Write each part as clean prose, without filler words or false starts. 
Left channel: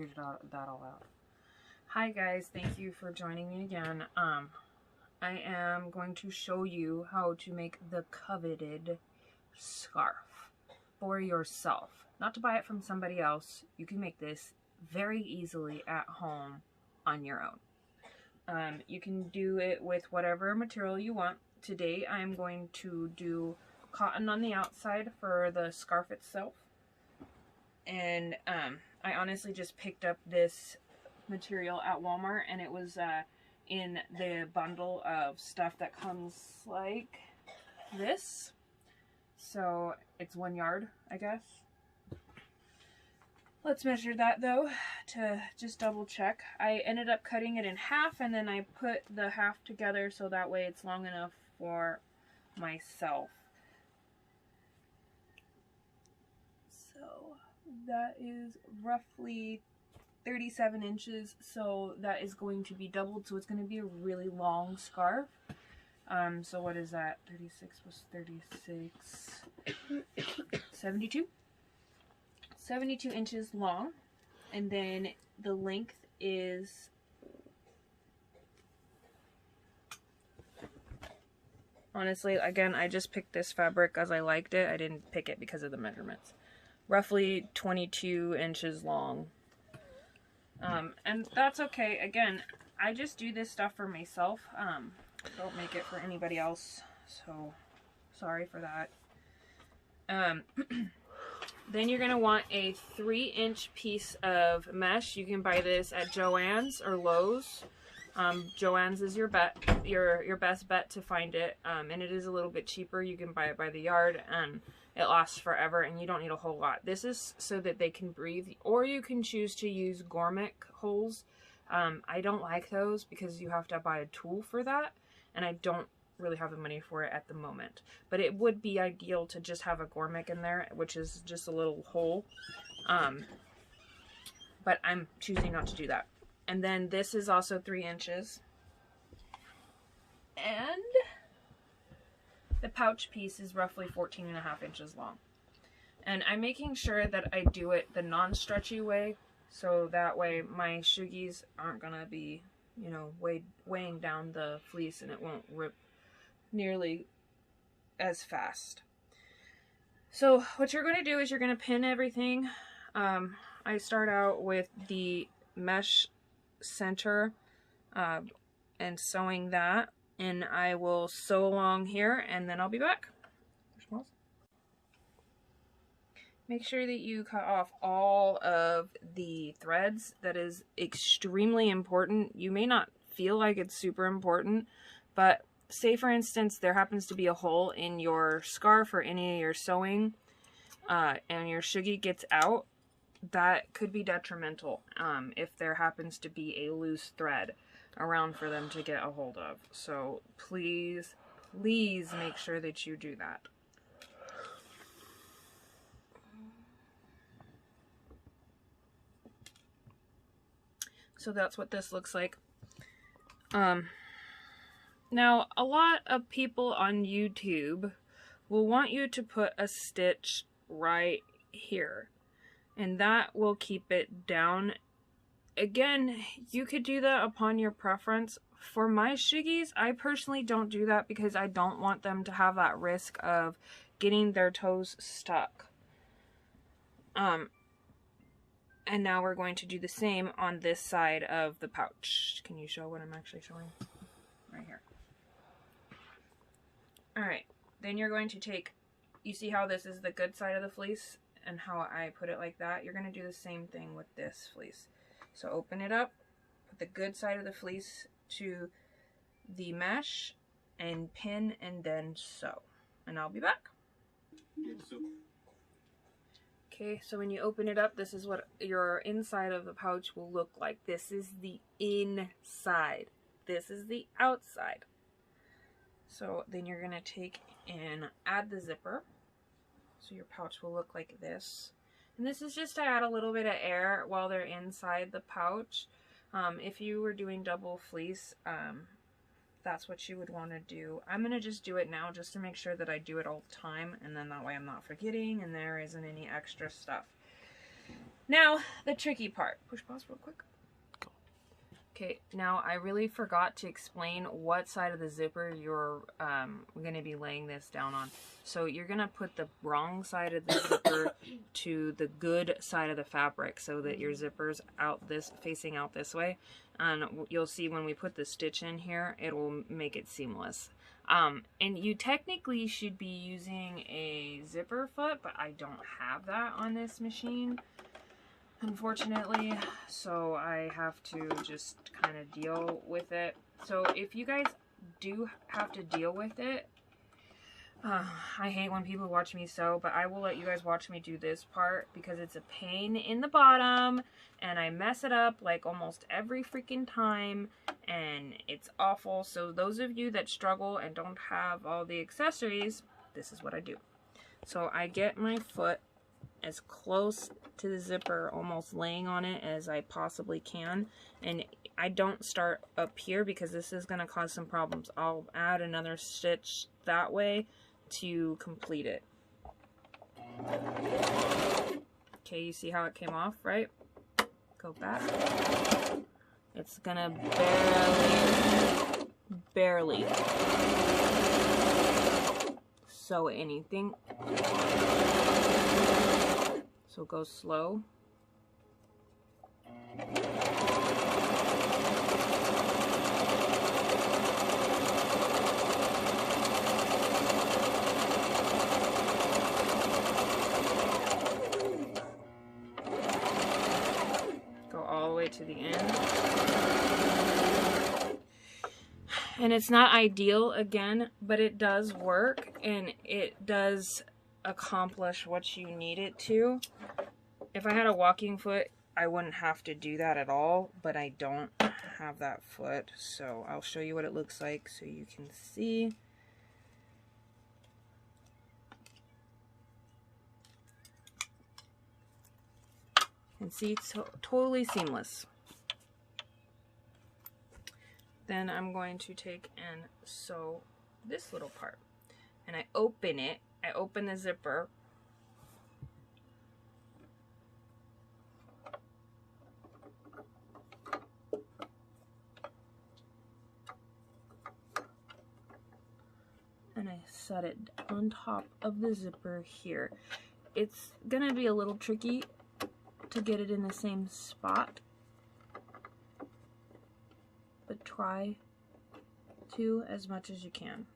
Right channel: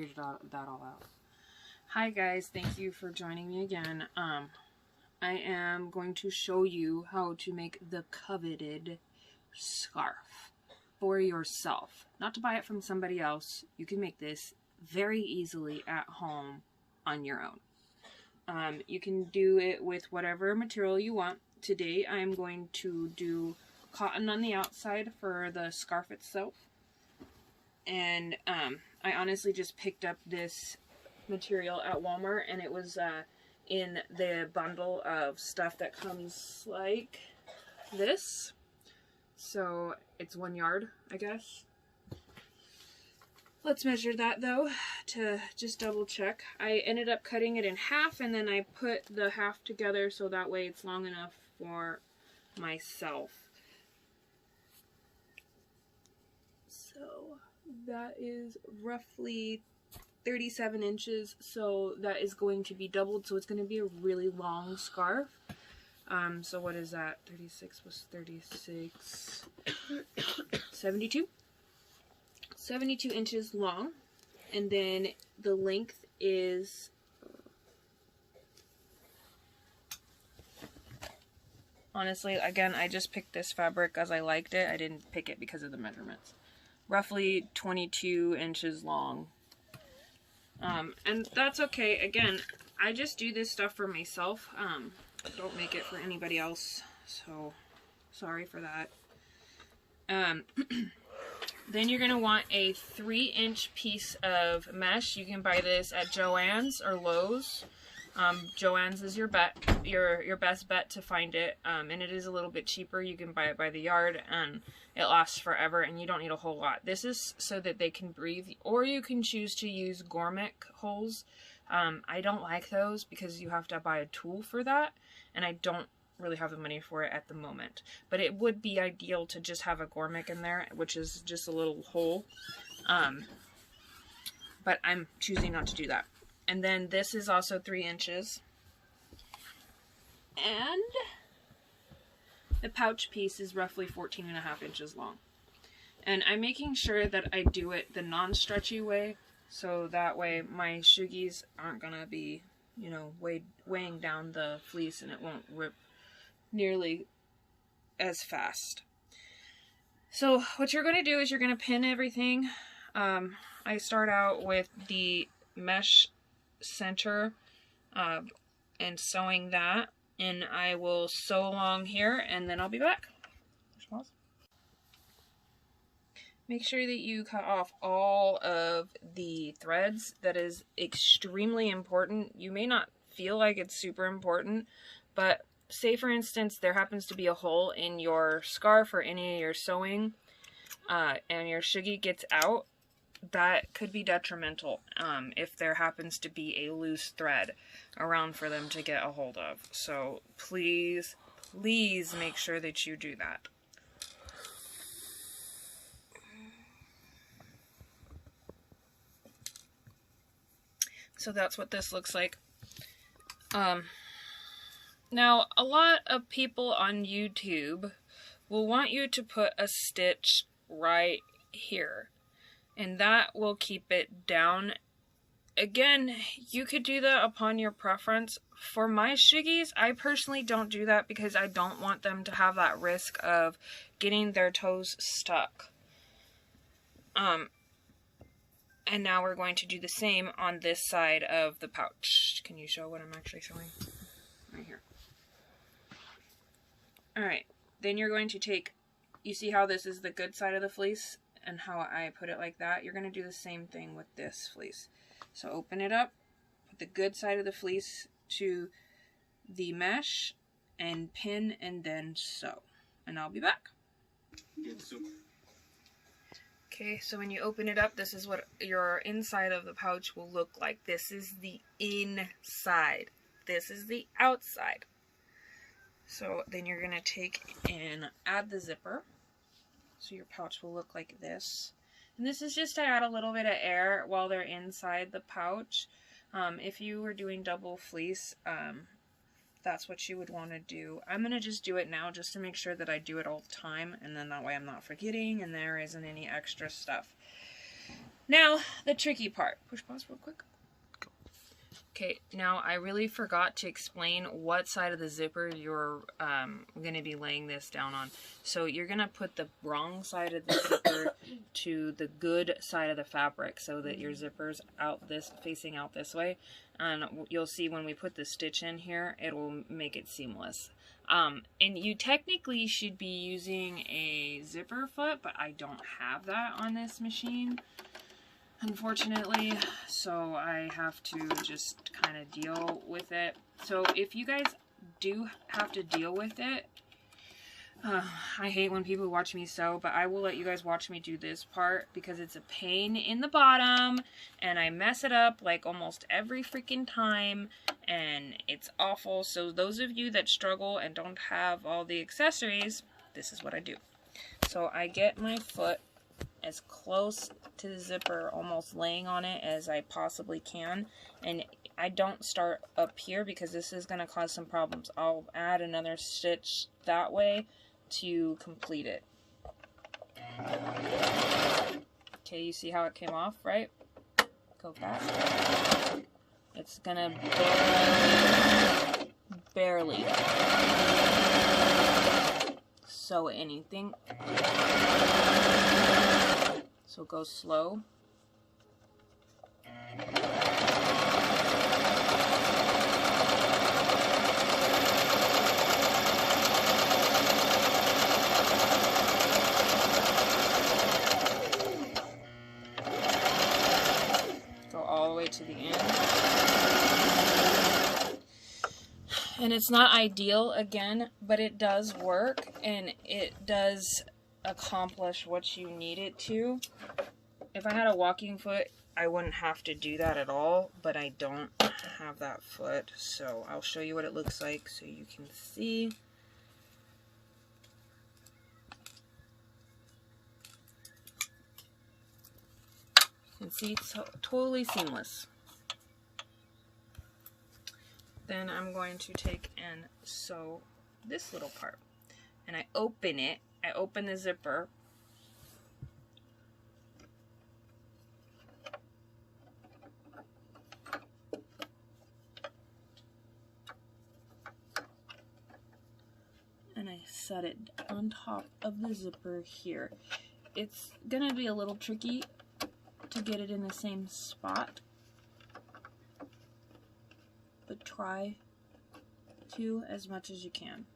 figured that all out. Hi guys, thank you for joining me again. I am going to show you how to make the coveted scarf for yourself. Not to buy it from somebody else. You can make this very easily at home on your own. You can do it with whatever material you want. Today I'm going to do cotton on the outside for the scarf itself. And I honestly just picked up this material at Walmart, and it was in the bundle of stuff that comes like this. So it's 1 yard, I guess. Let's measure that though to just double check. I ended up cutting it in half, and then I put the half together so that way it's long enough for myself. So that is roughly 37 inches, so that is going to be doubled, so it's going to be a really long scarf. So what is that? 36 plus 36, 72? 72 inches long, and then the length is honestly, again, I just picked this fabric because I liked it. I didn't pick it because of the measurements. Roughly 22 inches long. And that's okay. Again, I just do this stuff for myself. Don't make it for anybody else. So, sorry for that. Then you're going to want a 3-inch piece of mesh. You can buy this at Joann's or Lowe's. Joann's is your best bet to find it, and it is a little bit cheaper. You can buy it by the yard, and it lasts forever, and you don't need a whole lot. This is so that they can breathe, or you can choose to use Gormic holes. I don't like those because you have to buy a tool for that, and I don't really have the money for it at the moment. But it would be ideal to just have a Gormic in there, which is just a little hole. But I'm choosing not to do that. And then this is also 3 inches. And the pouch piece is roughly 14.5 inches long. And I'm making sure that I do it the non-stretchy way, so that way my suggies aren't gonna be, you know, weighing down the fleece, and it won't rip nearly as fast. So what you're gonna do is you're gonna pin everything. I start out with the mesh center and sewing that, and I will sew along here, and then I'll be back. Make sure that you cut off all of the threads. That is extremely important. You may not feel like it's super important, but say for instance there happens to be a hole in your scarf or any of your sewing, and your suggie gets out. That could be detrimental if there happens to be a loose thread around for them to get a hold of. So please, please make sure that you do that. So that's what this looks like. Now, a lot of people on YouTube will want you to put a stitch right here, and that will keep it down. Again, you could do that upon your preference. For my suggies, I personally don't do that because I don't want them to have that risk of getting their toes stuck. And now we're going to do the same on this side of the pouch. Can you show what I'm actually sewing? Right here. Alright, then you're going to take, you see how this is the good side of the fleece and how I put it like that? You're going to do the same thing with this fleece. So open it up, put the good side of the fleece to the mesh, and pin, and then sew. And I'll be back. Okay, so when you open it up, this is what your inside of the pouch will look like. This is the inside. This is the outside. So then you're going to take and add the zipper. So your pouch will look like this. And this is just to add a little bit of air while they're inside the pouch. If you were doing double fleece, that's what you would want to do. I'm going to just do it now just to make sure that I do it all the time, and then that way I'm not forgetting and there isn't any extra stuff. Now, the tricky part. Push pause real quick. Go. Okay, now I really forgot to explain what side of the zipper you're going to be laying this down on. So you're going to put the wrong side of the zipper to the good side of the fabric so that your zipper's facing out this way. And you'll see when we put the stitch in here, it will make it seamless. And you technically should be using a zipper foot, but I don't have that on this machine, unfortunately, so I have to just kind of deal with it. So if you guys do have to deal with it, I hate when people watch me sew, but I will let you guys watch me do this part because it's a pain in the bottom and I mess it up like almost every freaking time and it's awful. So those of you that struggle and don't have all the accessories, this is what I do. So I get my foot as close to the zipper, almost laying on it as I possibly can, and I don't start up here because this is going to cause some problems. I'll add another stitch that way to complete it. Okay, you see how it came off, right? Go back. It's gonna barely sew anything. So go slow. To the end. And it's not ideal again, but it does work and it does accomplish what you need it to. If I had a walking foot, I wouldn't have to do that at all, but I don't have that foot, so I'll show you what it looks like so you can see. And see, it's totally seamless. Then I'm going to take and sew this little part. And I open it. I open the zipper. And I set it on top of the zipper here. It's gonna be a little tricky to get it in the same spot, but try to as much as you can.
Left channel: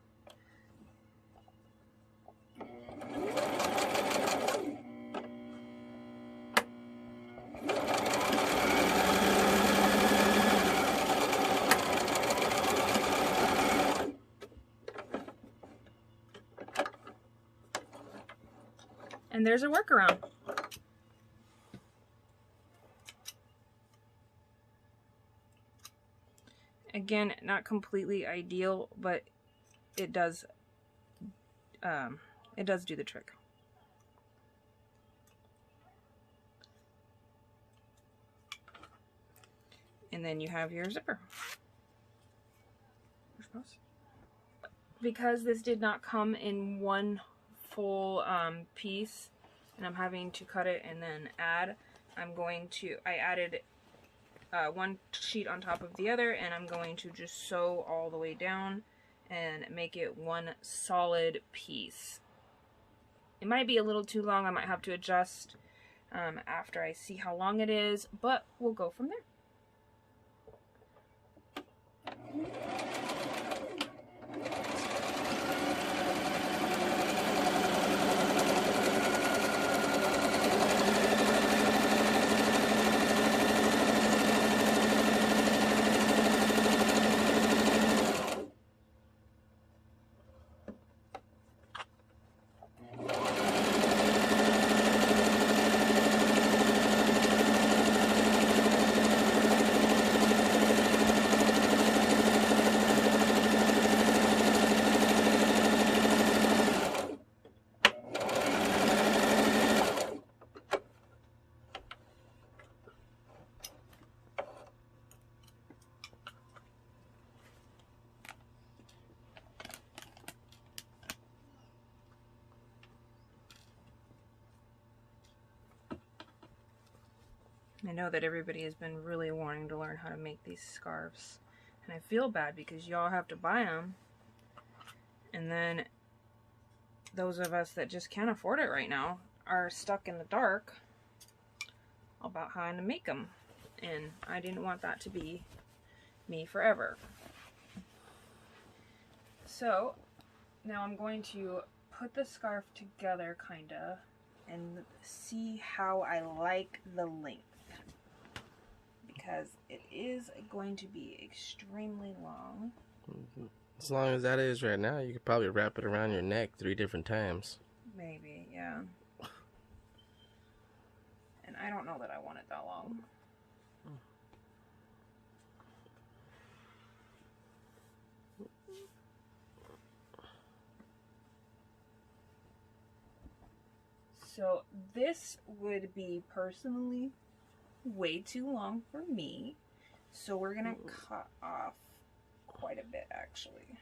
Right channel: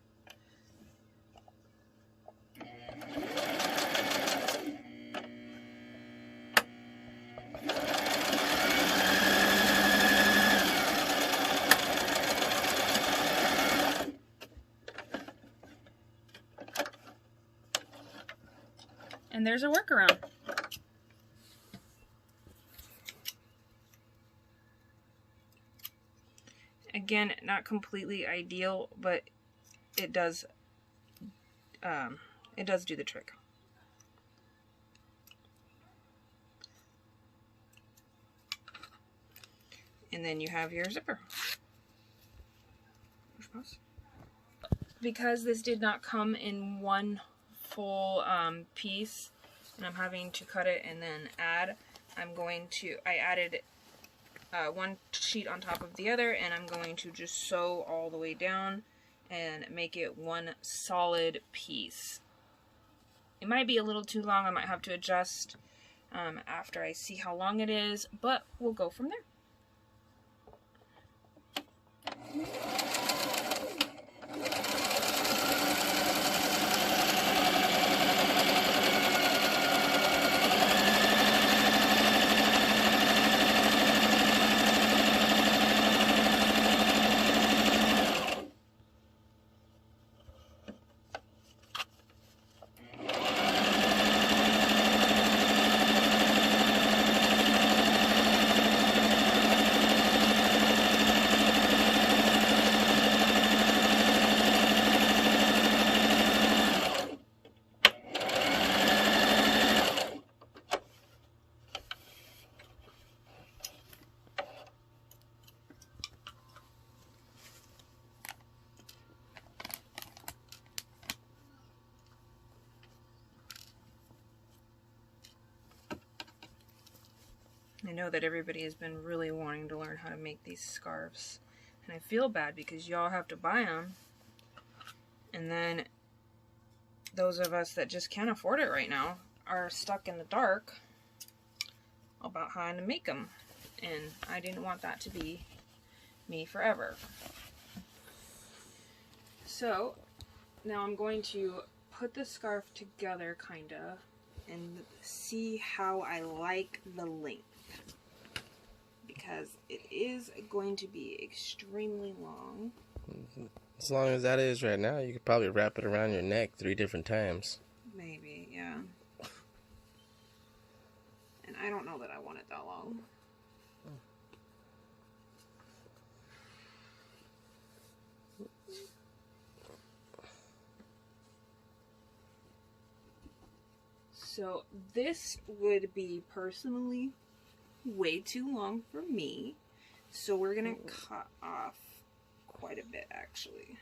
And there's a workaround. Again, not completely ideal, but it does do the trick. And then you have your zipper. Because this did not come in one full piece, and I'm having to cut it and then add, I added one sheet on top of the other, and I'm going to just sew all the way down and make it one solid piece. It might be a little too long. I might have to adjust after I see how long it is, but we'll go from there. I know that everybody has been really wanting to learn how to make these scarves. And I feel bad because y'all have to buy them. And then those of us that just can't afford it right now are stuck in the dark about how to make them. And I didn't want that to be me forever. So now I'm going to put the scarf together kinda and see how I like the length, because it is going to be extremely long. As long as that is right now, you could probably wrap it around your neck 3 different times. Maybe, yeah. And I don't know that I want it that long. So this would be personally way too long for me. So we're gonna cut off quite a bit actually.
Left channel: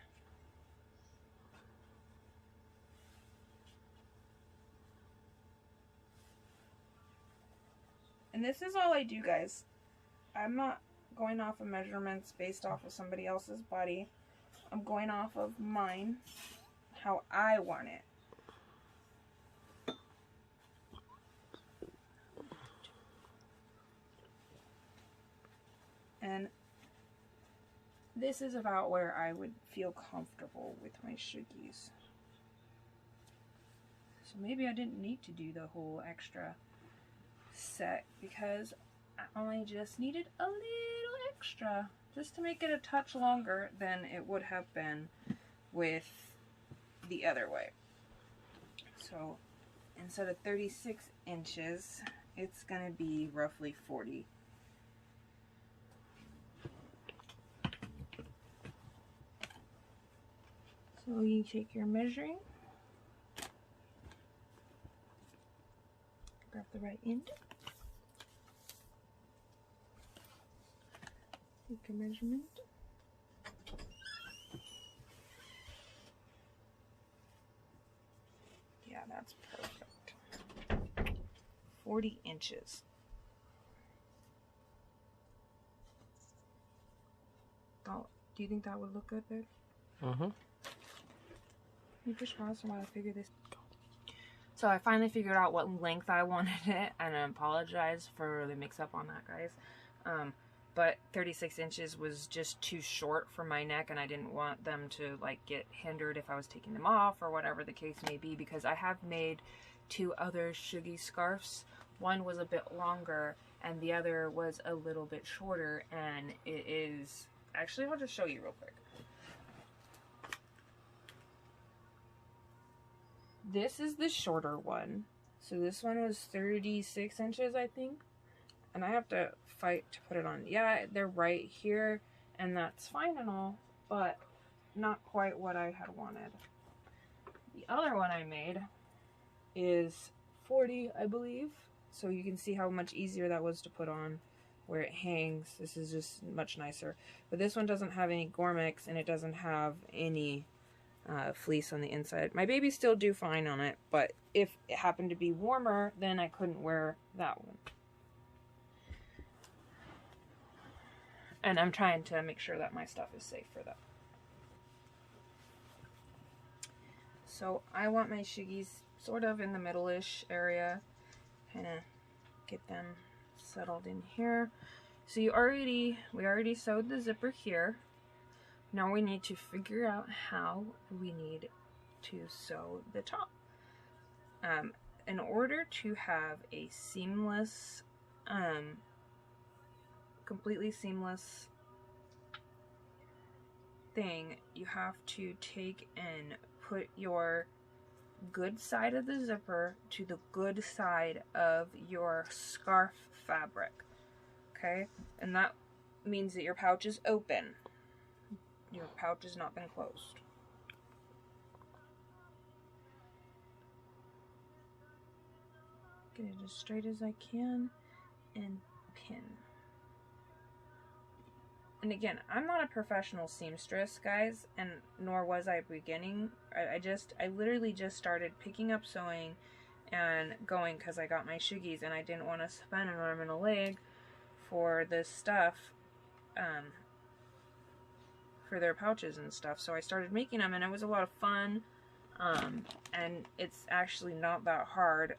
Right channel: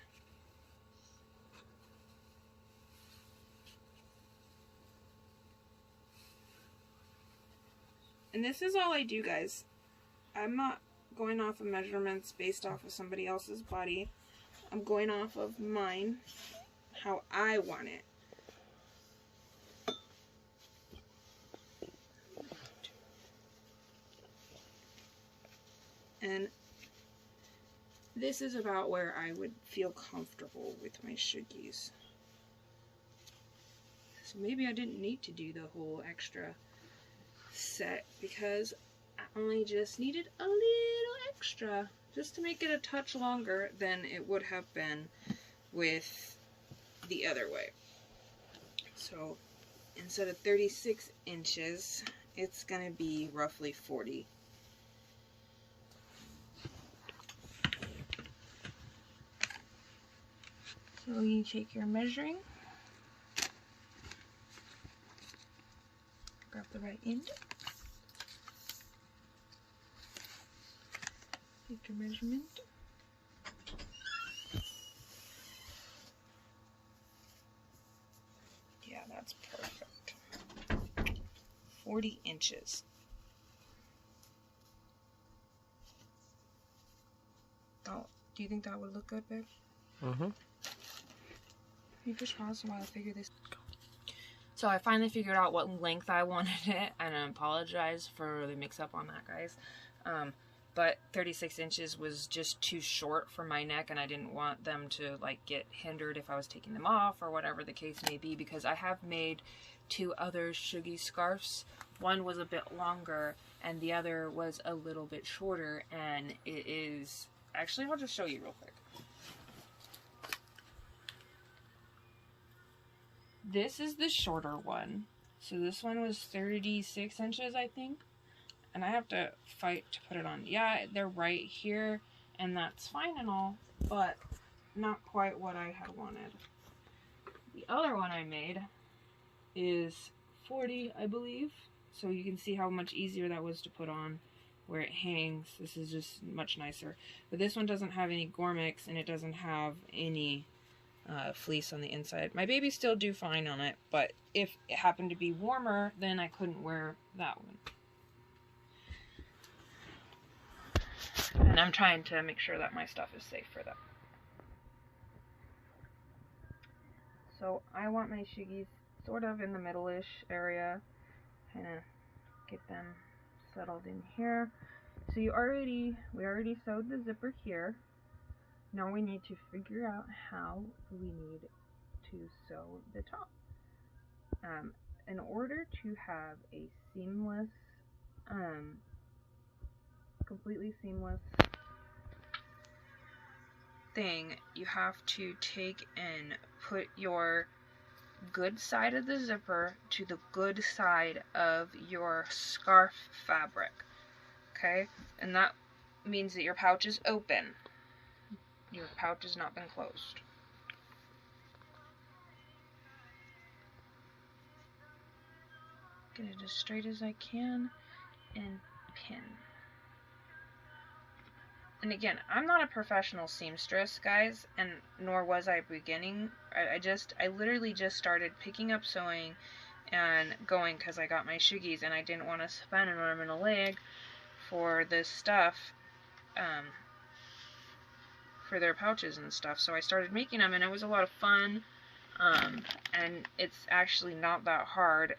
And this is all I do, guys. I'm not going off of measurements based off of somebody else's body. I'm going off of mine, how I want it. And this is about where I would feel comfortable with my suggies. So maybe I didn't need to do the whole extra set because I only just needed a little extra just to make it a touch longer than it would have been with the other way. So instead of 36 inches, it's gonna be roughly 40. So you take your measuring, grab the right end, take your measurement, yeah, that's perfect, 40 inches. Oh, do you think that would look good, babe? Mm-hmm. You push pause while I figure this. So I finally figured out what length I wanted it, and I apologize for the mix-up on that, guys. But 36 inches was just too short for my neck, and I didn't want them to like get hindered if I was taking them off or whatever the case may be, because I have made 2 other suggie scarves. One was a bit longer and the other was a little bit shorter, and it is actually, I'll just show you real quick. This is the shorter one. So this one was 36 inches, I think. And I have to fight to put it on. Yeah, they're right here, and that's fine and all, but not quite what I had wanted. The other one I made is 40, I believe. So you can see how much easier that was to put on where it hangs. This is just much nicer. But this one doesn't have any Gormix, and it doesn't have any fleece on the inside. My babies still do fine on it, but if it happened to be warmer, then I couldn't wear that one. And I'm trying to make sure that my stuff is safe for them. So I want my suggies sort of in the middle-ish area, kind of get them settled in here. So we already sewed the zipper here. Now we need to figure out how we need to sew the top. In order to have a seamless, completely seamless thing, you have to take and put your good side of the zipper to the good side of your scarf fabric, okay? And that means that your pouch is open. Your pouch has not been closed. Get it as straight as I can and pin. And again, I'm not a professional seamstress, guys, and nor was I beginning. I literally just started picking up sewing and going because I got my suggies and I didn't want to spend an arm and a leg for this stuff, for their pouches and stuff. So I started making them, and it was a lot of fun, and it's actually not that hard.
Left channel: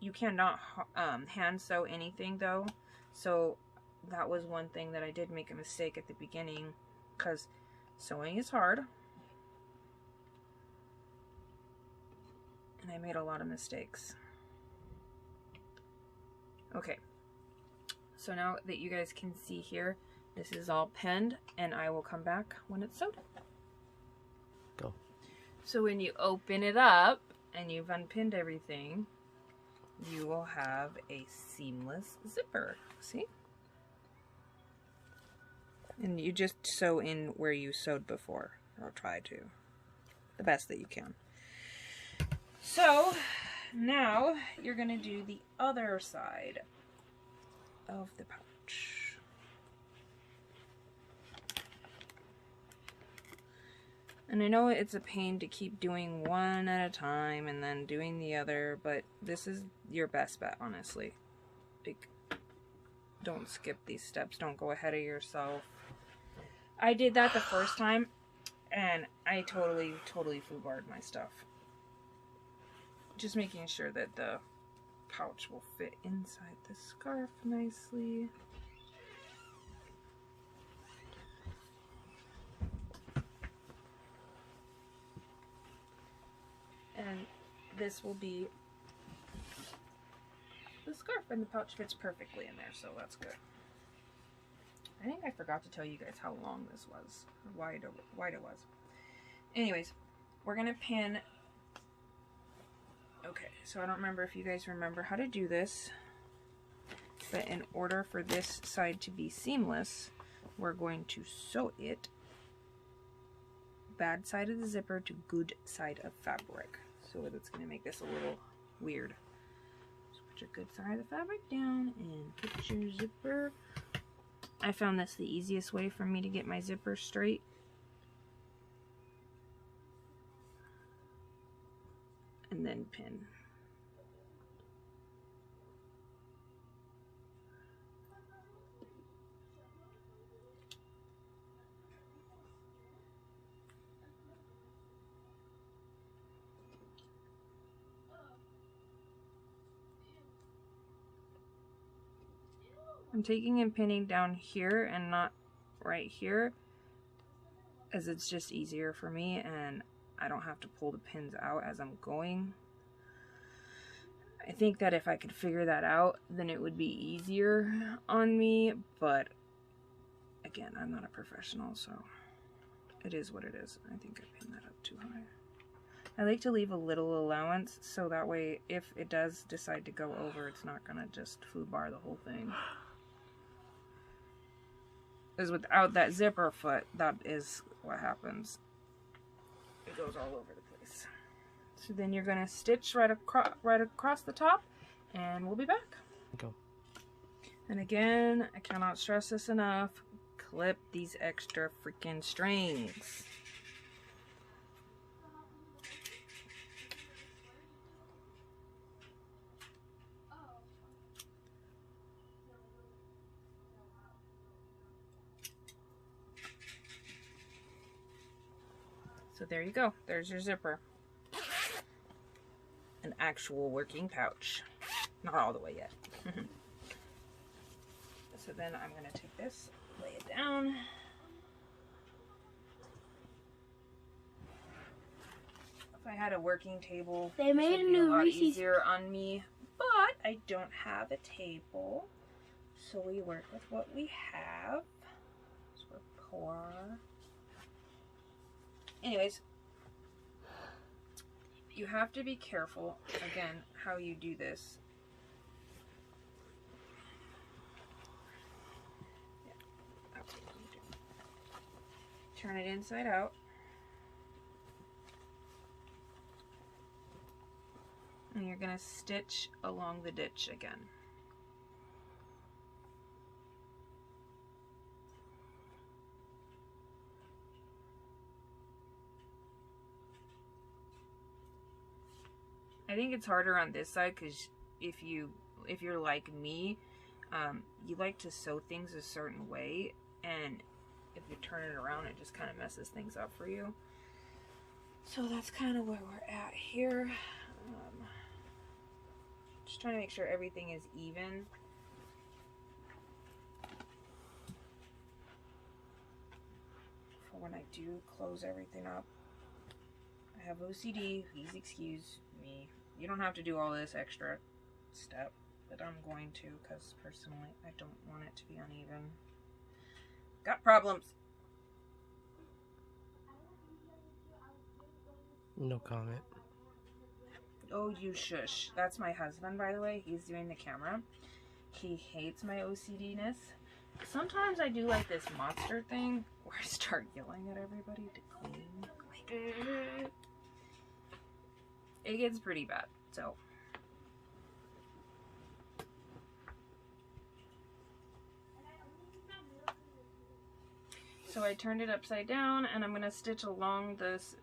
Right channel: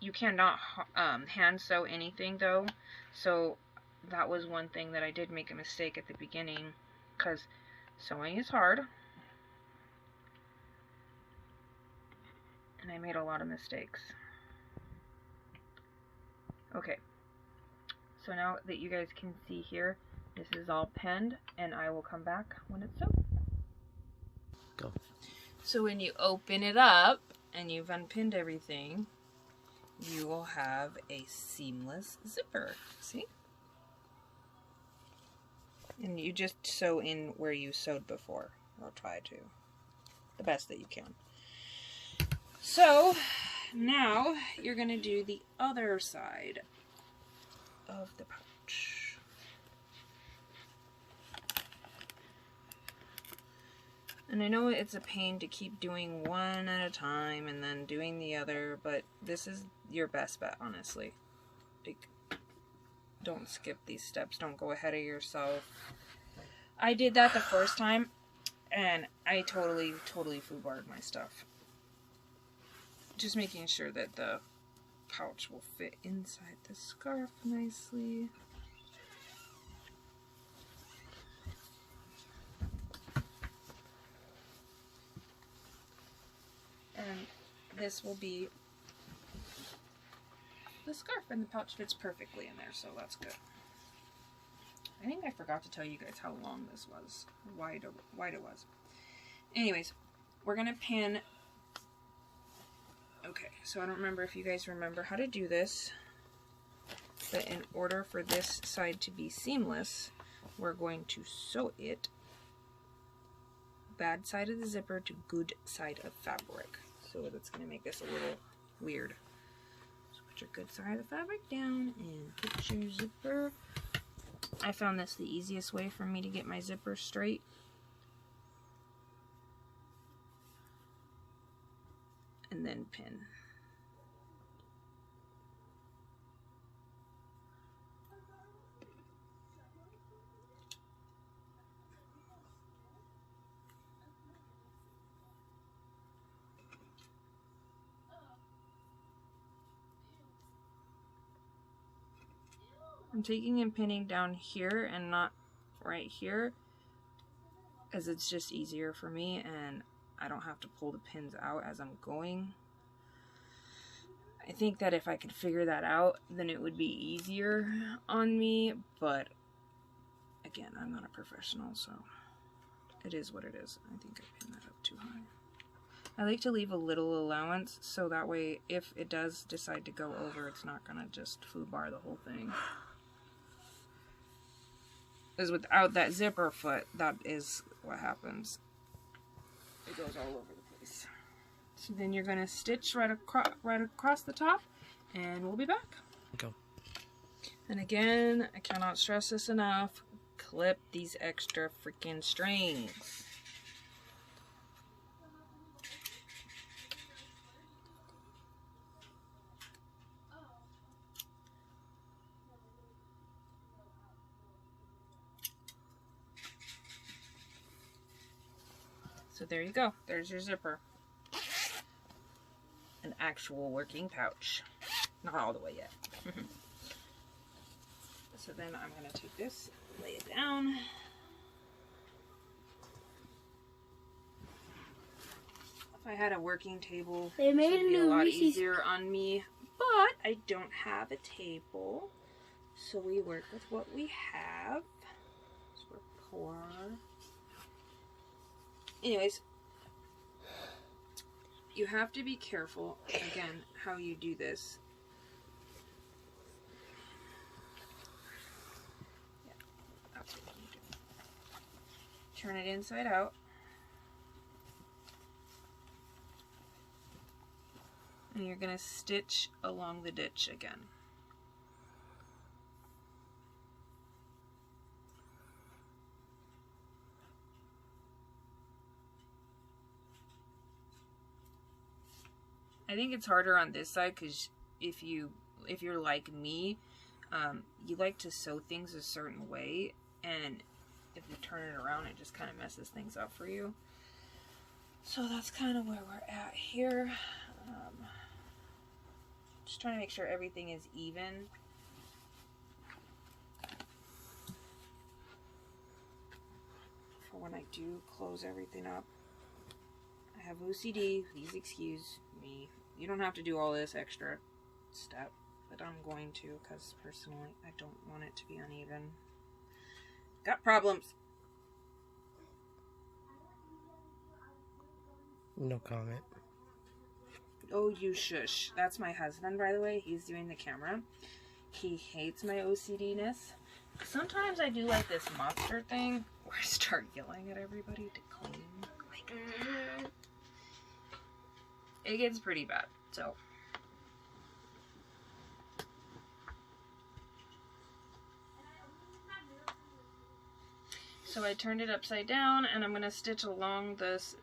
You cannot hand sew anything though, so that was one thing that I did make a mistake at the beginning, because sewing is hard, and I made a lot of mistakes. Okay, so now that you guys can see here, this is all pinned, and I will come back when it's sewed. Go. So when you open it up and you've unpinned everything, you will have a seamless zipper. See? And you just sew in where you sewed before, or try to, the best that you can. So now you're going to do the other side of the pouch. And I know it's a pain to keep doing one at a time and then doing the other, but this is your best bet, honestly. Like, don't skip these steps. Don't go ahead of yourself. I did that the first time, and I totally foobarred my stuff. Just making sure that the pouch will fit inside the scarf nicely. And this will be the scarf, and the pouch fits perfectly in there, so that's good. I think I forgot to tell you guys how long this was, or wide it was. Anyways, we're gonna pin. Okay, so I don't remember if you guys remember how to do this, but in order for this side to be seamless, we're going to sew it bad side of the zipper to good side of fabric. So that's going to make this a little weird. So put your good side of the fabric down and put your zipper. I found this the easiest way for me to get my zipper straight. And then pin. I'm taking and pinning down here and not right here, as it's just easier for me and I don't have to pull the pins out as I'm going. I think that if I could figure that out, then it would be easier on me, but again, I'm not a professional, so it is what it is. I think I pinned that up too high. I like to leave a little allowance so that way if it does decide to go over, it's not gonna just foobar the whole thing. Because without that zipper foot, that is what happens. It goes all over the place. So then you're gonna stitch right across the top, and we'll be back. Go. And again, I cannot stress this enough. Clip these extra freaking strings. So there you go. There's your zipper. An actual working pouch. Not all the way yet. So then I'm going to take this, lay it down. If I had a working table, They made it would a be a new lot Reese's easier on me. But I don't have a table. So we work with what we have. So we're poor. Anyways, you have to be careful, again, how you do this. Yeah, that's what you do. Turn it inside out. And you're going to stitch along the ditch again. I think it's harder on this side because if you're like me, you like to sew things a certain way, and if you turn it around, it just kind of messes things up for you. So that's kind of where we're at here. Just trying to make sure everything is even. For when I do close everything up. I have OCD, please excuse me. You don't have to do all this extra step, but I'm going to because personally I don't want it to be uneven. Got problems. No comment. Oh, you shush. That's my husband, by the way. He's doing the camera. He hates my OCD-ness. Sometimes I do like this monster thing where I start yelling at everybody to clean. Like, it gets pretty bad, so. So I turned it upside down, and I'm gonna stitch along this,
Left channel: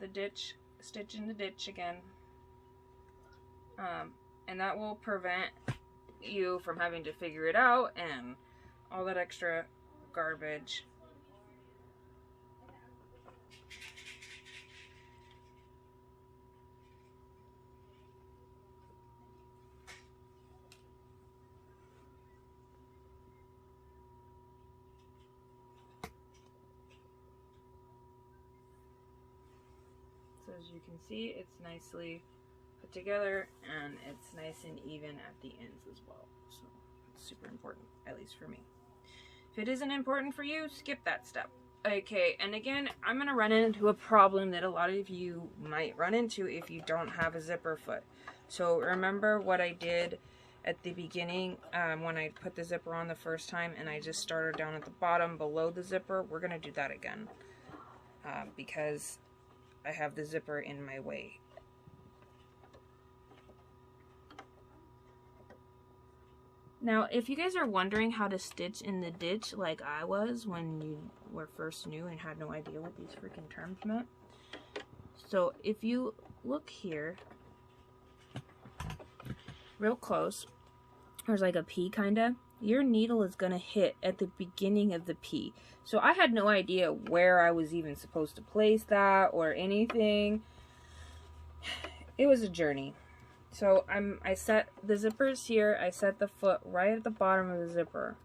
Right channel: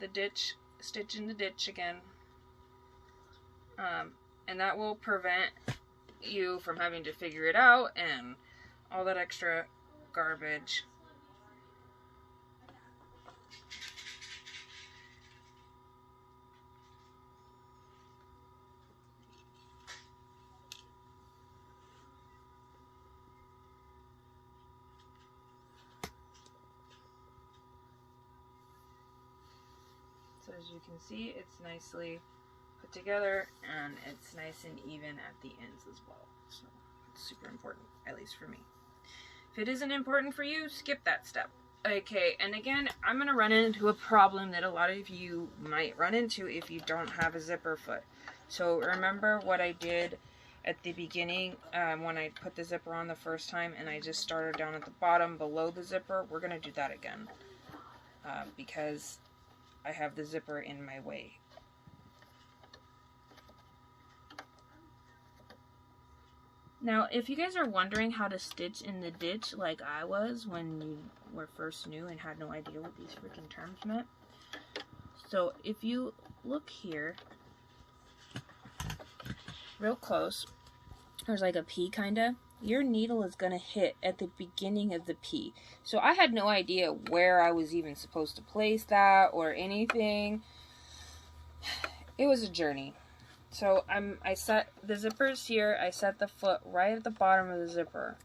the ditch, stitch in the ditch again. And that will prevent you from having to figure it out and all that extra garbage. So as you can see, it's nicely put together and it's nice and even at the ends as well. So it's super important, at least for me. If it isn't important for you, skip that step. Okay, and again, I'm gonna run into a problem that a lot of you might run into if you don't have a zipper foot. So remember what I did at the beginning when I put the zipper on the first time and I just started down at the bottom below the zipper? We're gonna do that again because I have the zipper in my way. Now, if you guys are wondering how to stitch in the ditch like I was when you were first new and had no idea what these freaking terms meant. So if you look here, real close, there's like a P kinda. Your needle is gonna hit at the beginning of the P. So I had no idea where I was even supposed to place that or anything. It was a journey. So I set the zippers here, I set the foot right at the bottom of the zipper.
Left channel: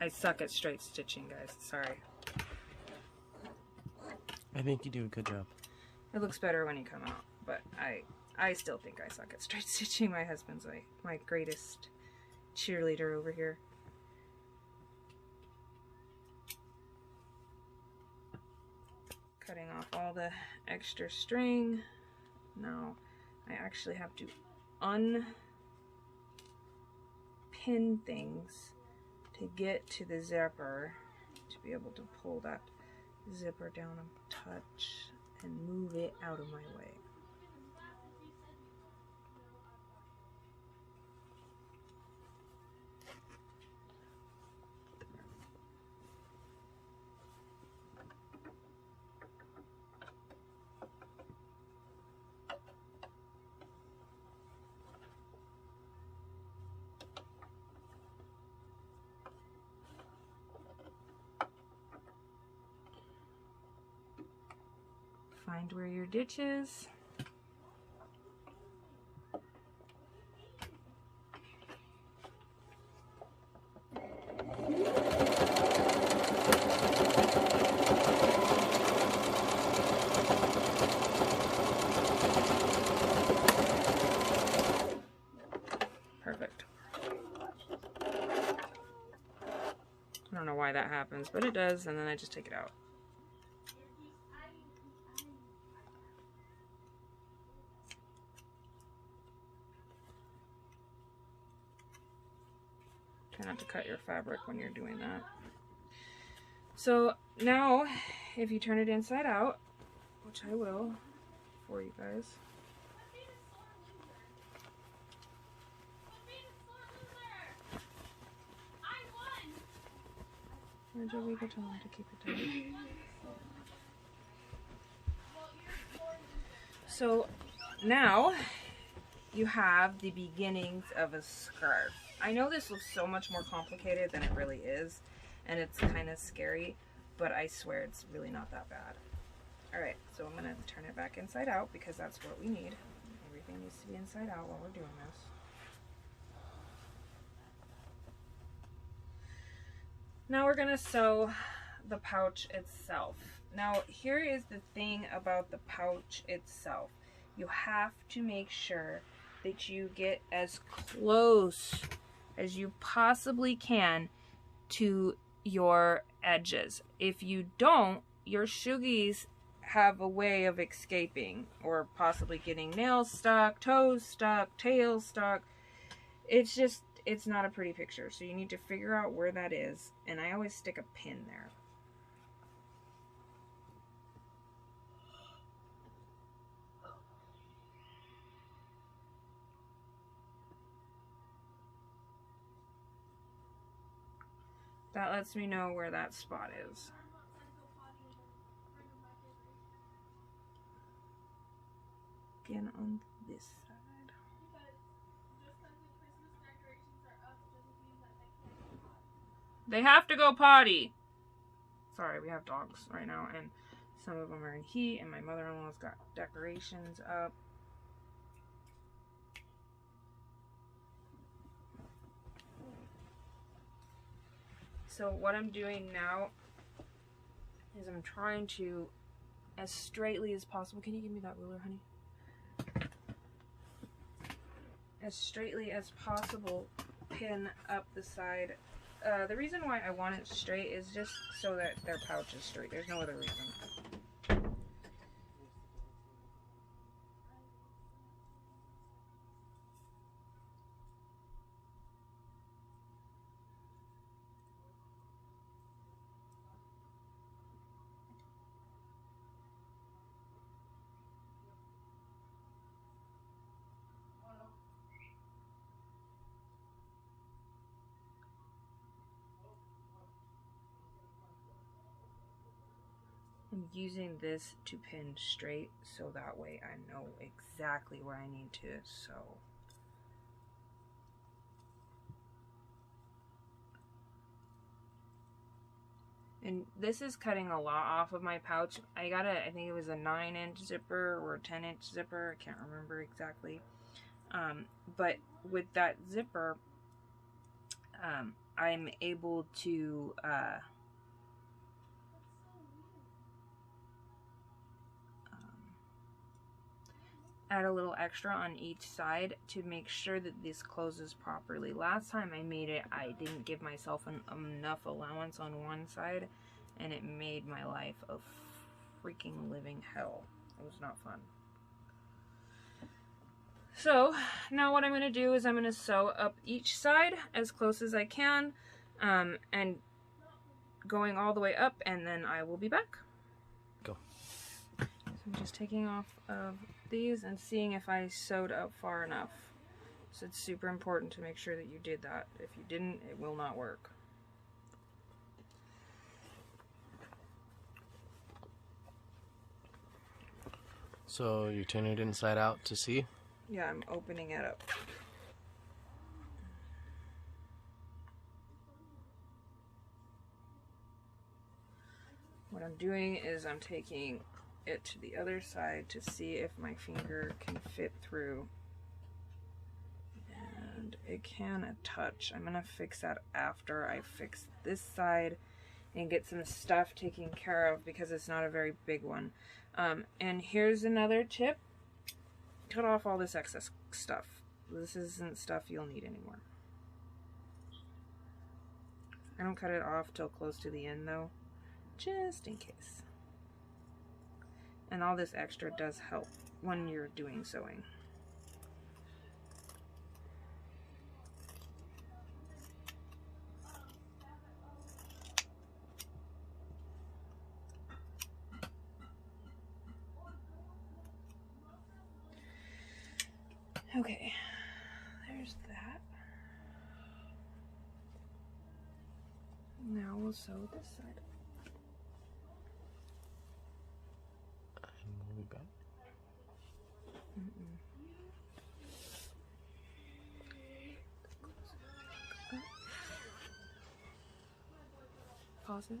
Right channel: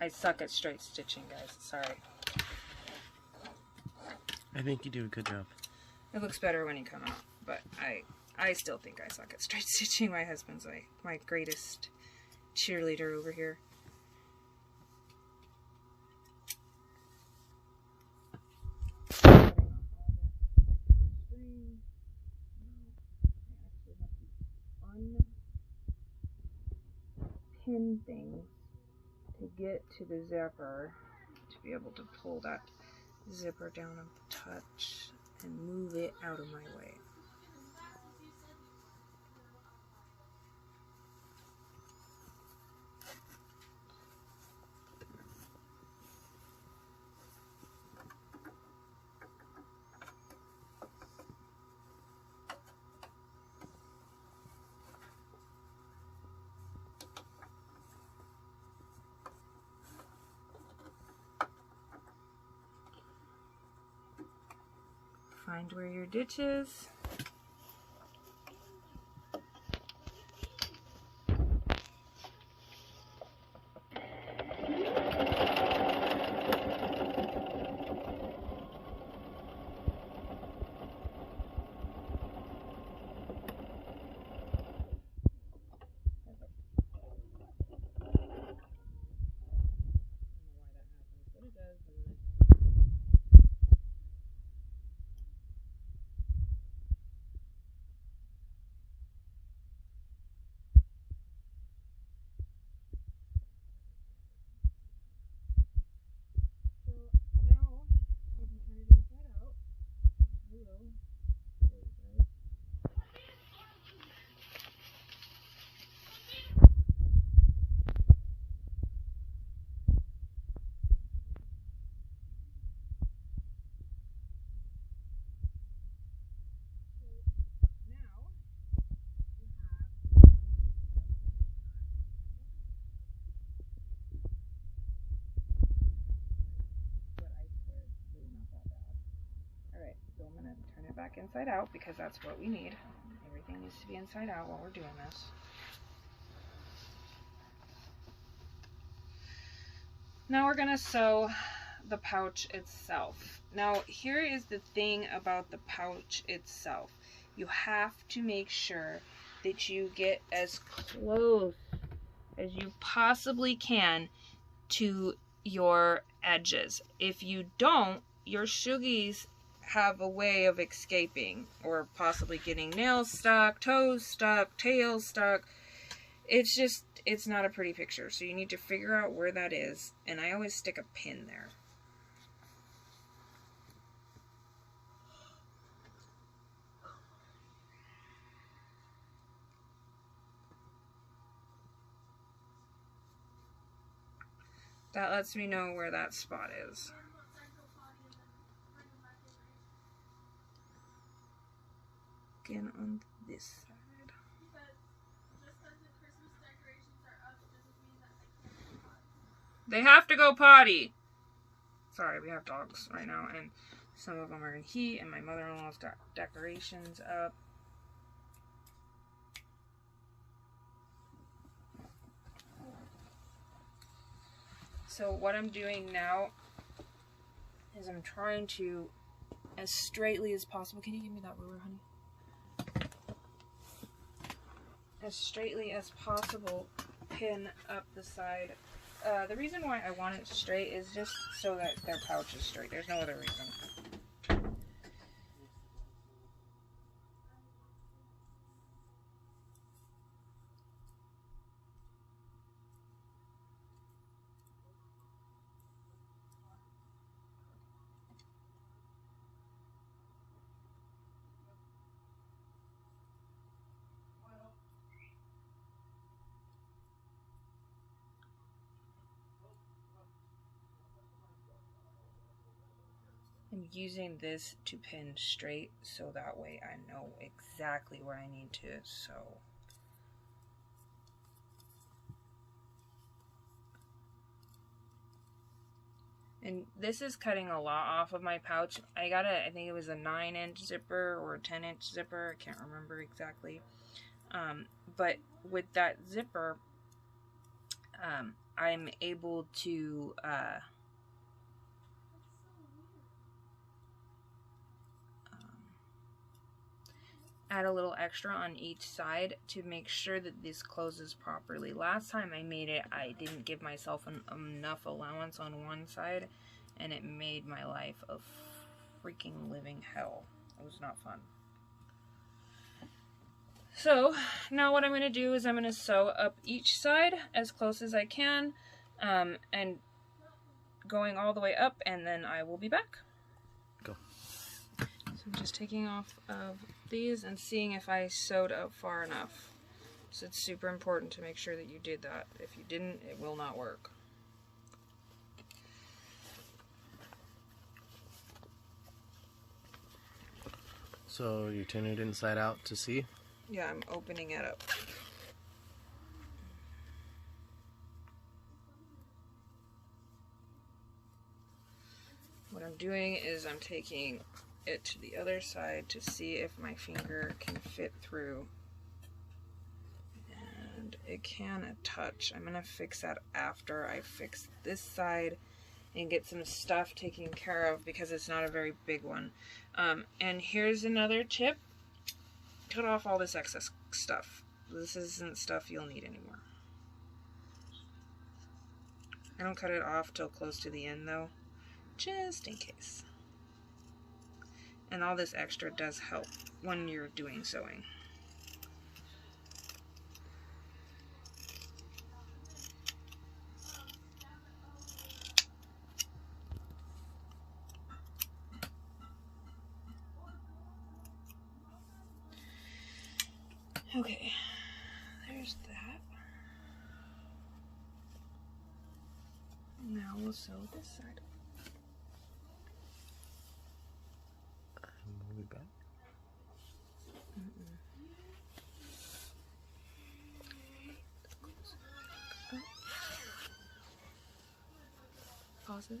I suck at straight stitching, guys. Sorry. I think you do a good job. It looks better when you come out, but I still think I suck at straight stitching. My husband's my greatest cheerleader over here. Cutting off all the extra string. Now I actually have to unpin things to get to the zipper to be able to pull that zipper down a touch and move it out of my way. Find where your ditch is. Perfect. I don't know why that happens, but it does, and then I just take it out. not to cut your fabric when you're doing that. So now, if you turn it inside out, which I will for you guys. To keep it tight. So now you have the beginnings of a scarf. I know this looks so much more complicated than it really is, and it's kind of scary, but I swear it's really not that bad. Alright, so I'm going to turn it back inside out because that's what we need. Everything needs to be inside out while we're doing this. Now we're going to sew the pouch itself. Now here is the thing about the pouch itself. You have to make sure that you get as close as you possibly can to your edges. If you don't, your suggies have a way of escaping or possibly getting nails stuck, toes stuck, tails stuck. It's not a pretty picture, so you need to figure out where that is, and I always stick a pin there. That lets me know where that spot is. Again on this side. They have to go potty. Sorry, we have dogs right now, and some of them are in heat, and my mother-in-law's got decorations up. So what I'm doing now is I'm trying to, as straightly as possible, can you give me that ruler, honey? As straightly as possible, pin up the side. The reason why I want it straight is just so that their pouch is straight. There's no other reason. I'm using this to pin straight so that way I know exactly where I need to sew. And this is cutting a lot off of my pouch. I got I think it was a 9-inch zipper or a 10-inch zipper. I can't remember exactly. But with that zipper, I'm able to add a little extra on each side to make sure that this closes properly. Last time I made it, I didn't give myself enough allowance on one side, and it made my life a freaking living hell. It was not fun. So now what I'm going to do is I'm going to sew up each side as close as I can, and going all the way up, and then I will be back. Go. So I'm just taking off of these and seeing if I sewed up far enough. So it's super important to make sure that you did that. If you didn't, it will not work. So you turn it inside out to see? Yeah, I'm opening it up. What I'm doing is I'm taking it to the other side to see if my finger can fit through. And it can a touch. I'm gonna fix that after I fix this side and get some stuff taken care of because it's not a very big one. And here's another tip. Cut off all this excess stuff. This isn't stuff you'll need anymore. I don't cut it off till close to the end though, just in case. And all this extra does help when you're doing sewing. Okay, there's that. Now we'll sew this side. Move it back. Pause it.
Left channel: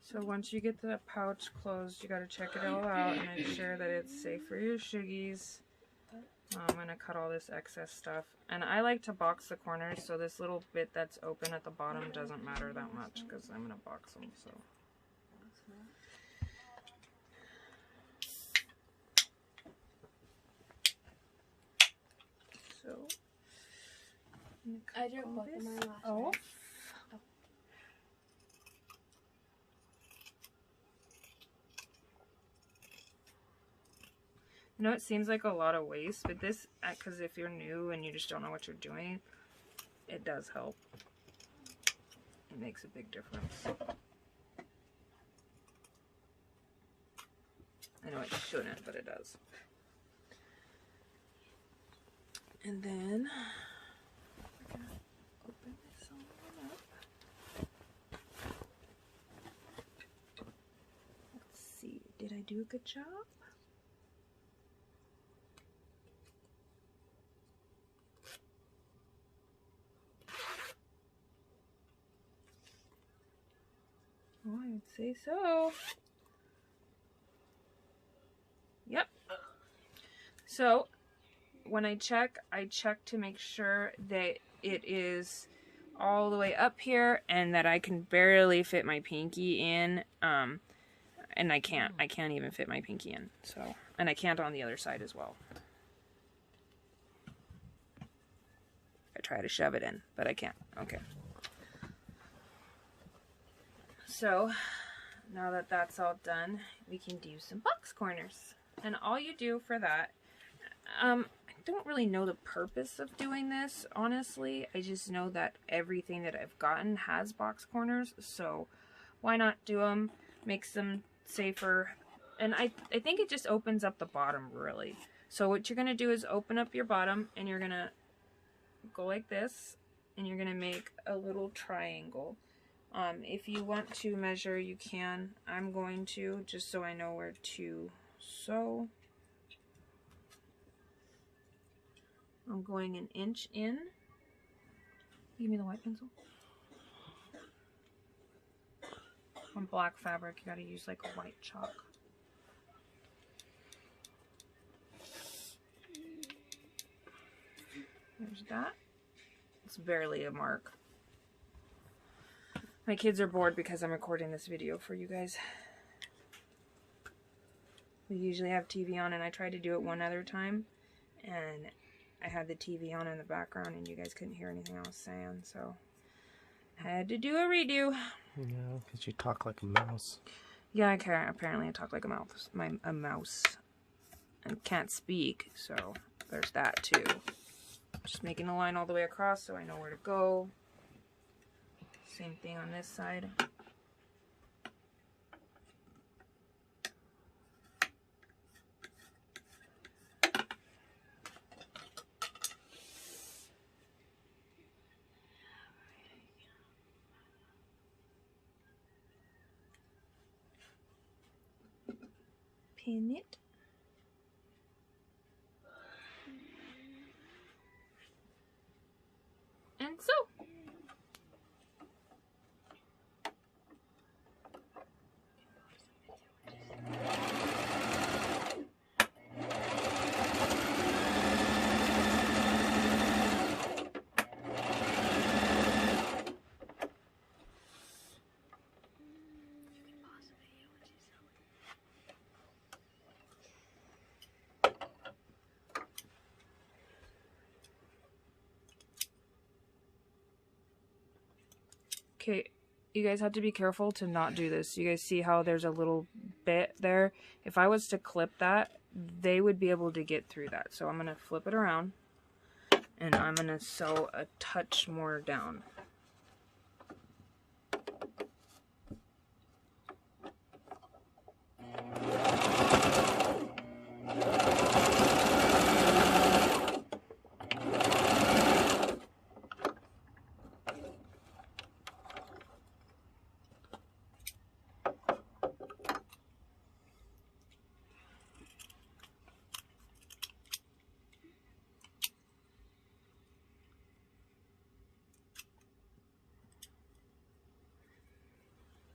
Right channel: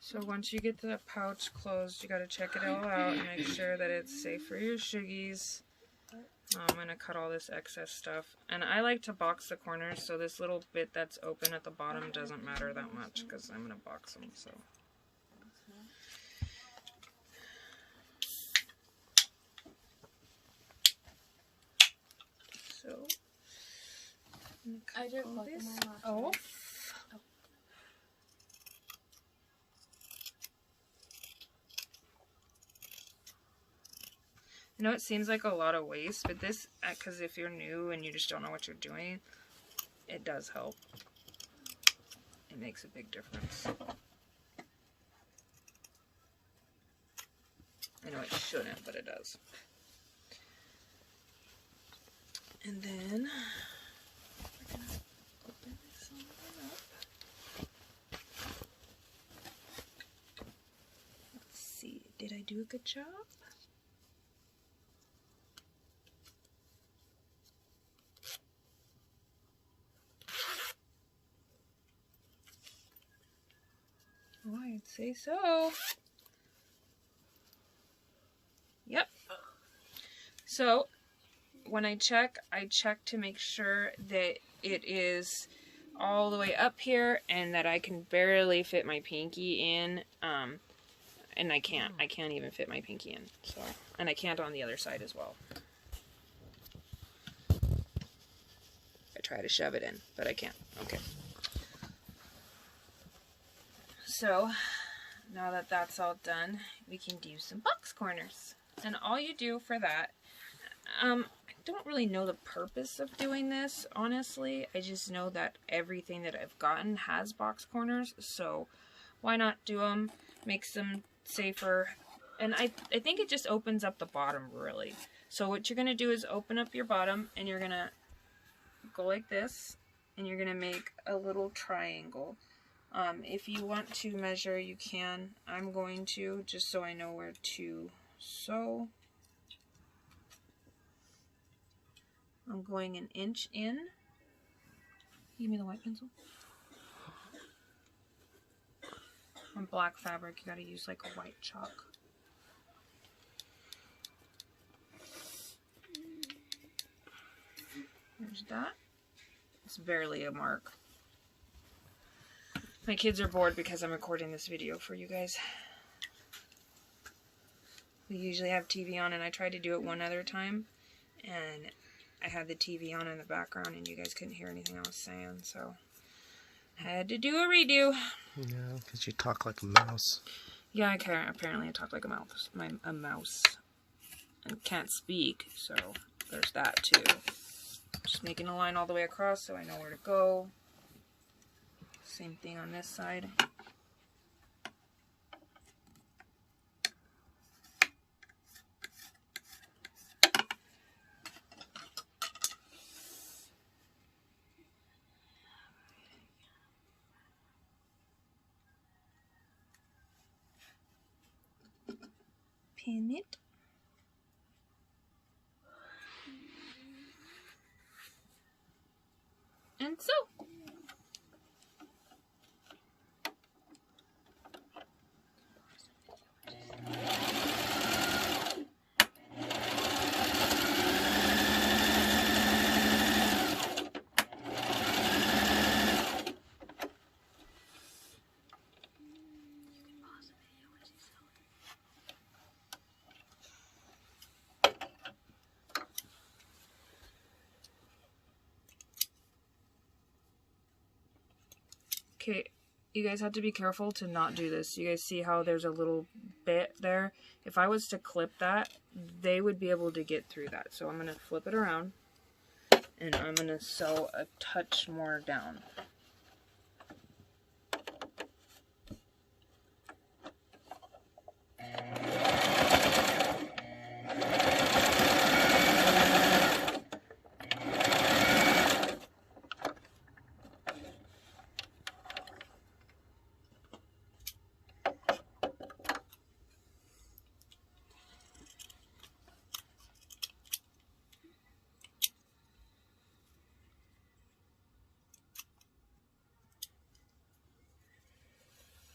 So once you get the pouch closed, you gotta check it all out and make sure that it's safe for your suggies. I'm gonna cut all this excess stuff. And I like to box the corners, so this little bit that's open at the bottom doesn't matter that much because I'm gonna box them, so. So, I didn't put this my last off. one. I know it seems like a lot of waste, but this, because if you're new and you just don't know what you're doing, it does help. It makes a big difference. I know it shouldn't, but it does. And then we're gonna open this one up. Let's see, did I do a good job? Oh, I'd say so. Yep. So when I check to make sure that it is all the way up here and that I can barely fit my pinky in. And I can't even fit my pinky in. So, and I can't on the other side as well. I try to shove it in, but I can't. Okay. So now that that's all done, we can do some box corners. And all you do for that, I don't really know the purpose of doing this, honestly. I just know that everything that I've gotten has box corners, so why not do them? Makes them safer. And I think it just opens up the bottom, really. So what you're going to do is open up your bottom, and you're going to go like this, and you're going to make a little triangle. If you want to measure, you can. I'm going to, just so I know where to sew. I'm going an inch in. Give me the white pencil. On black fabric, you gotta use like a white chalk. There's that. It's barely a mark. My kids are bored because I'm recording this video for you guys. We usually have TV on, and I tried to do it one other time, and I had the TV on in the background, and you guys couldn't hear anything I was saying, so I had to do a redo. Yeah, because you talk like a mouse. Yeah, I can. Apparently, I talk like a mouse. A mouse, and can't speak, so there's that too. Just making a line all the way across so I know where to go. Same thing on this side. Pin it. And so. Okay, you guys have to be careful to not do this. You guys see how there's a little bit there? If I was to clip that, they would be able to get through that. So I'm going to flip it around, and I'm going to sew a touch more down.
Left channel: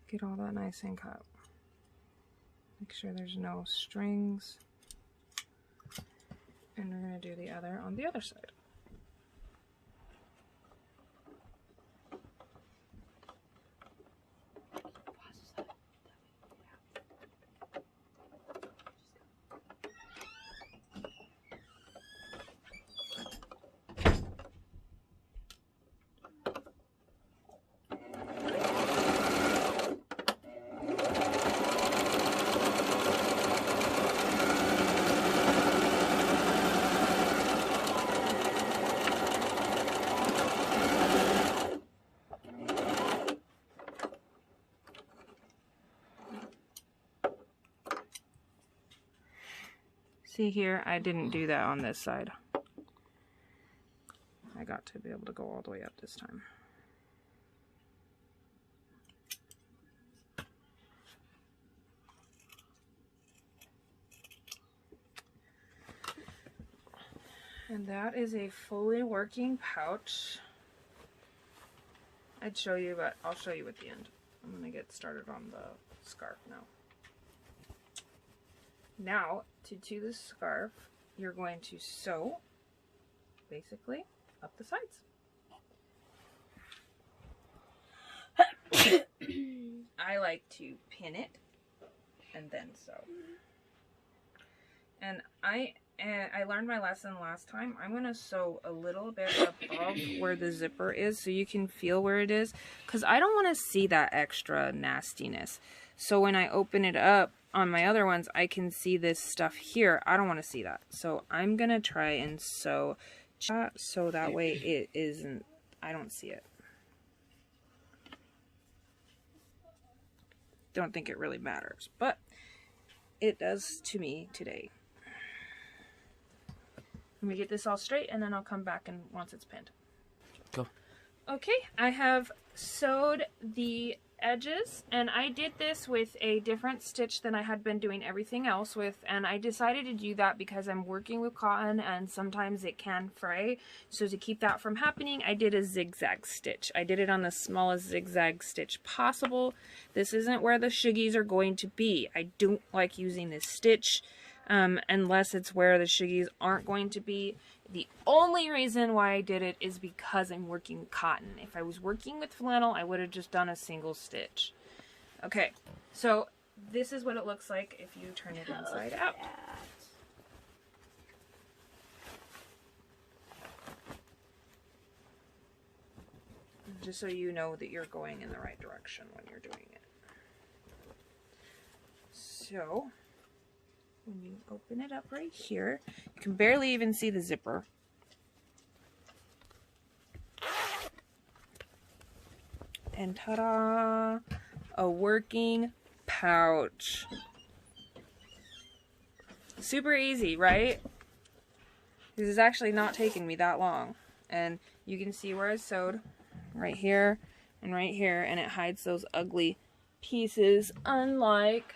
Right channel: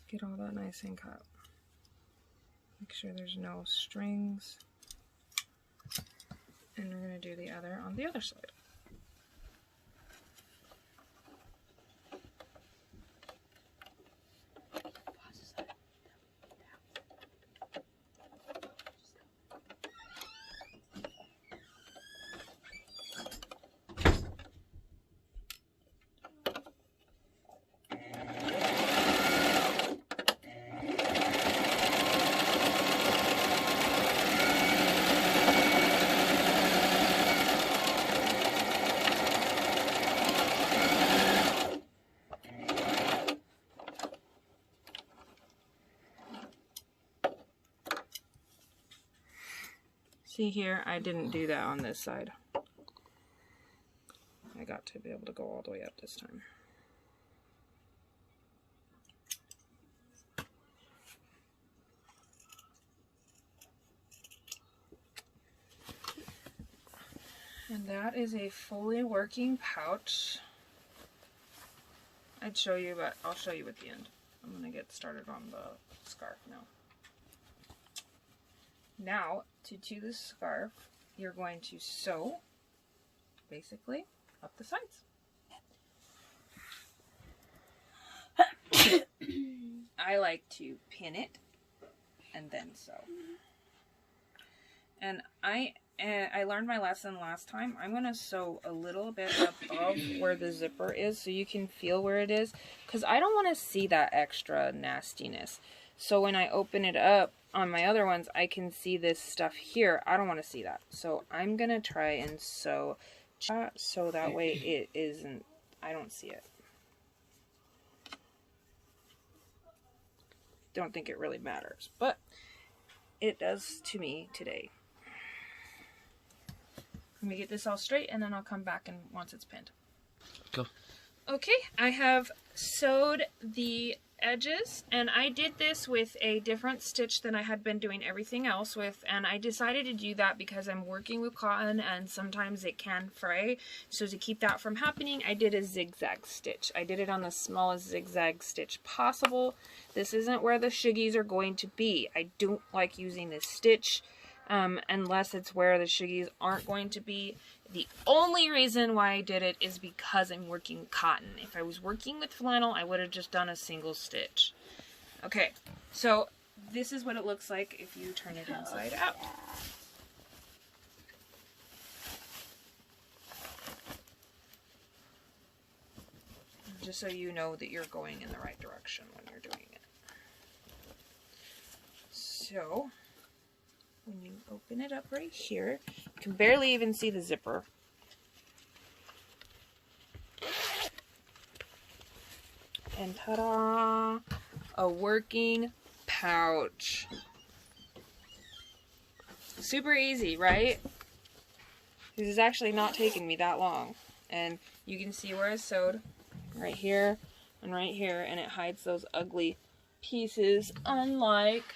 Get all that nice and cut. Make sure there's no strings. And we're going to do the other on the other side. See here, I didn't do that on this side. I got to be able to go all the way up this time. And that is a fully working pouch. I'd show you, but I'll show you at the end. I'm gonna get started on the scarf now. Now, to do the scarf, you're going to sew, basically, up the sides. I like to pin it and then sew. And I learned my lesson last time. I'm going to sew a little bit above where the zipper is so you can feel where it is, because I don't want to see that extra nastiness. So when I open it up on my other ones, I can see this stuff here. I don't want to see that. So I'm going to try and sew so that way it isn't, I don't see it. Don't think it really matters, but it does to me today. Let me get this all straight and then I'll come back and once it's pinned. Go. Okay, I have sewed the edges, and I did this with a different stitch than I had been doing everything else with, and I decided to do that because I'm working with cotton and sometimes it can fray. So to keep that from happening, I did a zigzag stitch. I did it on the smallest zigzag stitch possible. This isn't where the suggies are going to be. I don't like using this stitch unless it's where the suggies aren't going to be. The only reason why I did it is because I'm working with cotton. If I was working with flannel, I would have just done a single stitch. Okay, so this is what it looks like if you turn it inside out. Just so you know that you're going in the right direction when you're doing it. So when you open it up right here, you can barely even see the zipper. And ta-da! A working pouch. Super easy, right? This is actually not taking me that long. And you can see where I sewed right here and right here, and it hides those ugly pieces, unlike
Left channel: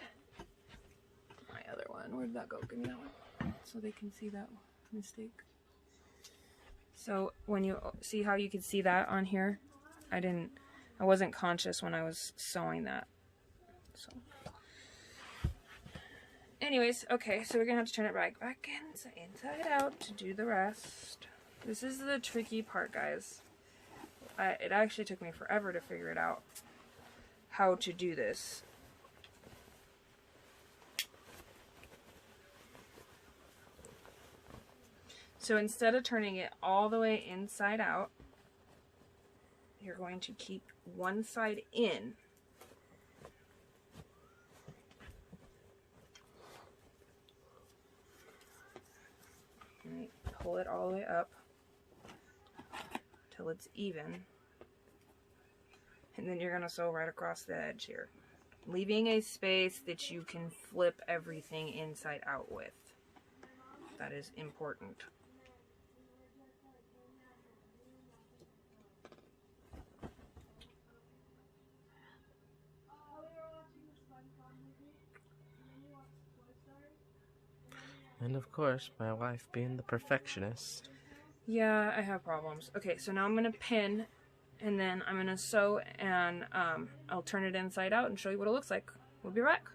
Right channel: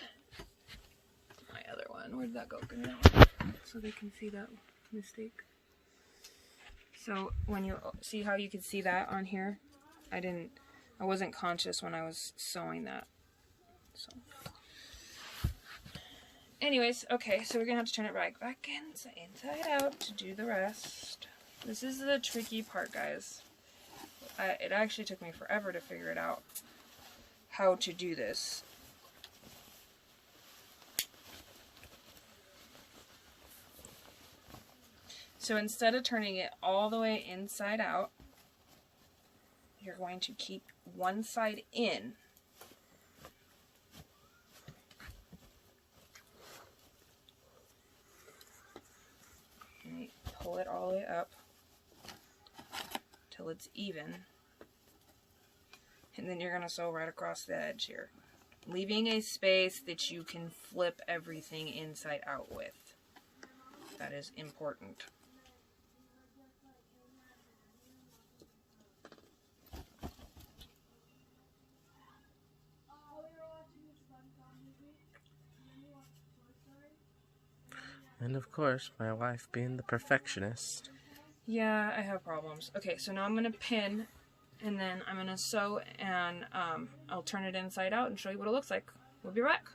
my other one. Where did that go? Give me that one so they can see that mistake. So when you see how you can see that on here, I wasn't conscious when I was sewing that. So anyways, okay, so we're gonna have to turn it back inside out to do the rest. This is the tricky part, guys. It actually took me forever to figure it out how to do this. So instead of turning it all the way inside out, you're going to keep one side in. And pull it all the way up till it's even. And then you're going to sew right across the edge here, leaving a space that you can flip everything inside out with. That is important. And of course, my wife being the perfectionist. Yeah, I have problems. Okay, so now I'm going to pin And then I'm gonna sew, and I'll turn it inside out and show you what it looks like. We'll be back.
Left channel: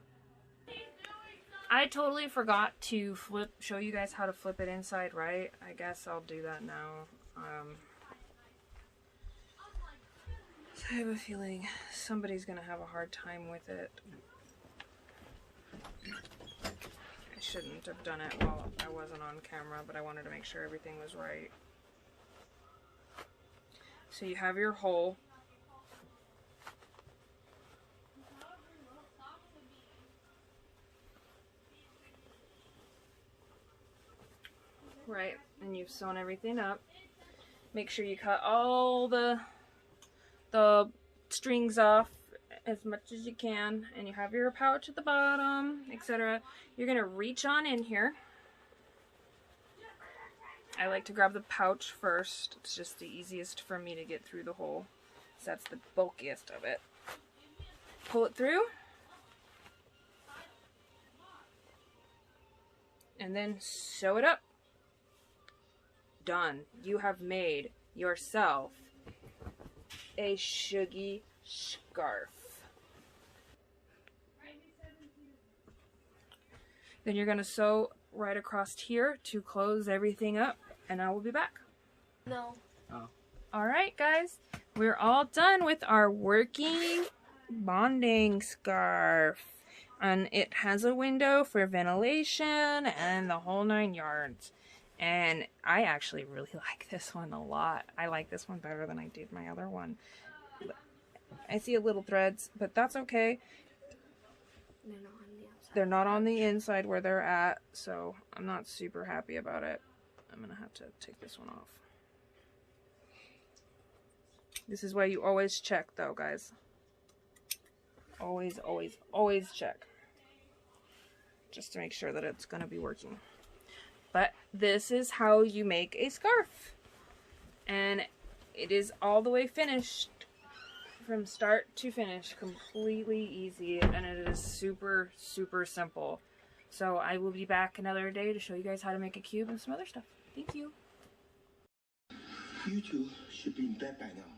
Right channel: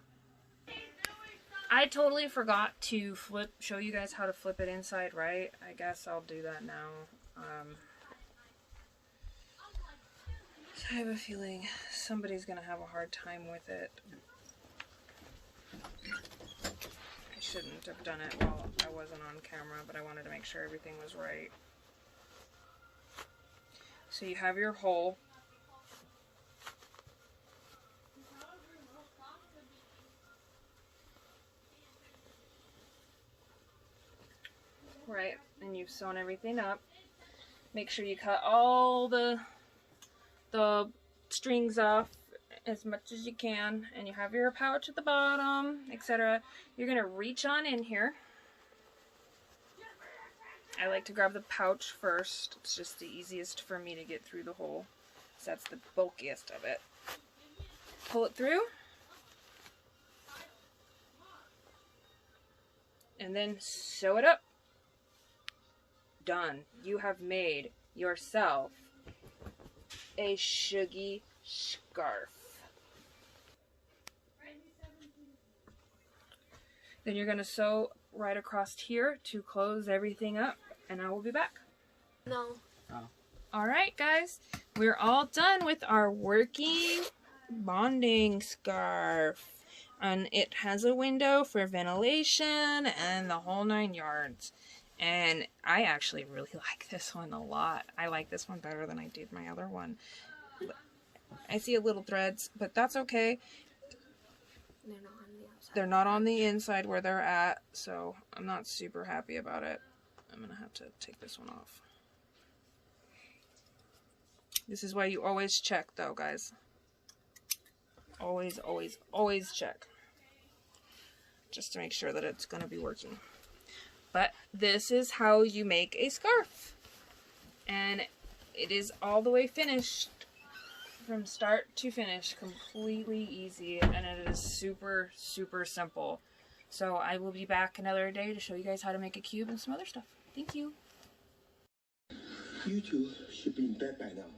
I totally forgot to show you guys how to flip it inside right. I guess I'll do that now. So I have a feeling somebody's gonna have a hard time with it. I shouldn't have done it while I wasn't on camera, but I wanted to make sure everything was right. So you have your hole. Right, and you've sewn everything up. Make sure you cut all the strings off as much as you can, and you have your pouch at the bottom, etc. You're gonna reach on in here. I like to grab the pouch first. It's just the easiest for me to get through the hole, so that's the bulkiest of it. Pull it through, and then sew it up. Done. You have made yourself a suggie scarf. Then you're going to sew right across here to close everything up, and I will be back. No. Oh. Alright guys, we're all done with our working bonding scarf. And it has a window for ventilation and the whole 9 yards. And I actually really like this one a lot. I like this one better than I did my other one. I see a little threads, but that's okay. They're not on the outside. They're not on the inside where they're at, so I'm not super happy about it. I'm gonna have to take this one off. This is why you always check though, guys. Always, always, always check. Just to make sure that it's gonna be working. But this is how you make a scarf. And it is all the way finished. From start to finish. Completely easy. And it is super, super simple. So I will be back another day to show you guys how to make a cube and some other stuff. Thank you. You two should be in bed by now.